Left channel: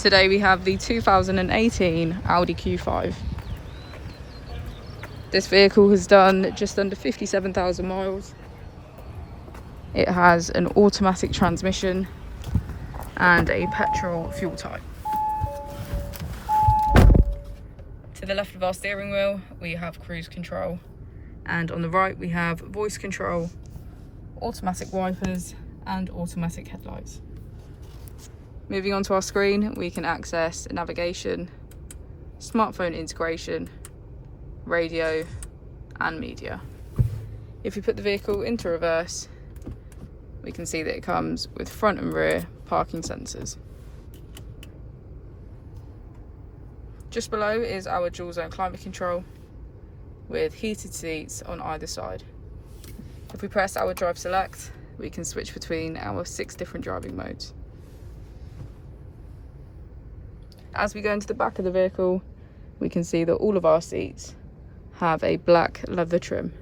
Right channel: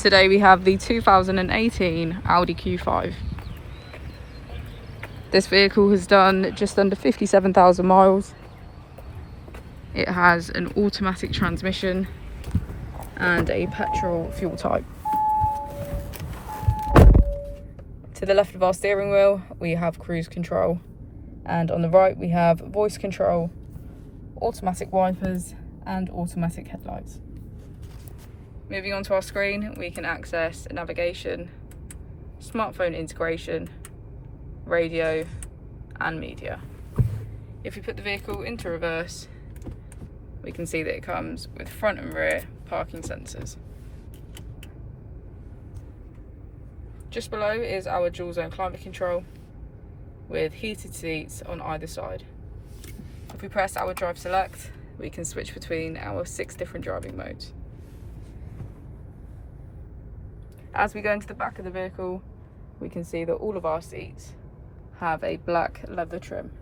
Today we have the 2018 Audi Q5. This vehicle has done just under 57,000 miles. It has an automatic transmission and a petrol fuel type. To the left of our steering wheel we have cruise control, and on the right we have voice control, automatic wipers and automatic headlights. Moving on to our screen, we can access navigation, smartphone integration, radio and media. If we put the vehicle into reverse, we can see that it comes with front and rear parking sensors. Just below is our dual zone climate control with heated seats on either side. If we press our drive select, we can switch between our 6 different driving modes. As we go into the back of the vehicle, we can see that all of our seats have a black leather trim.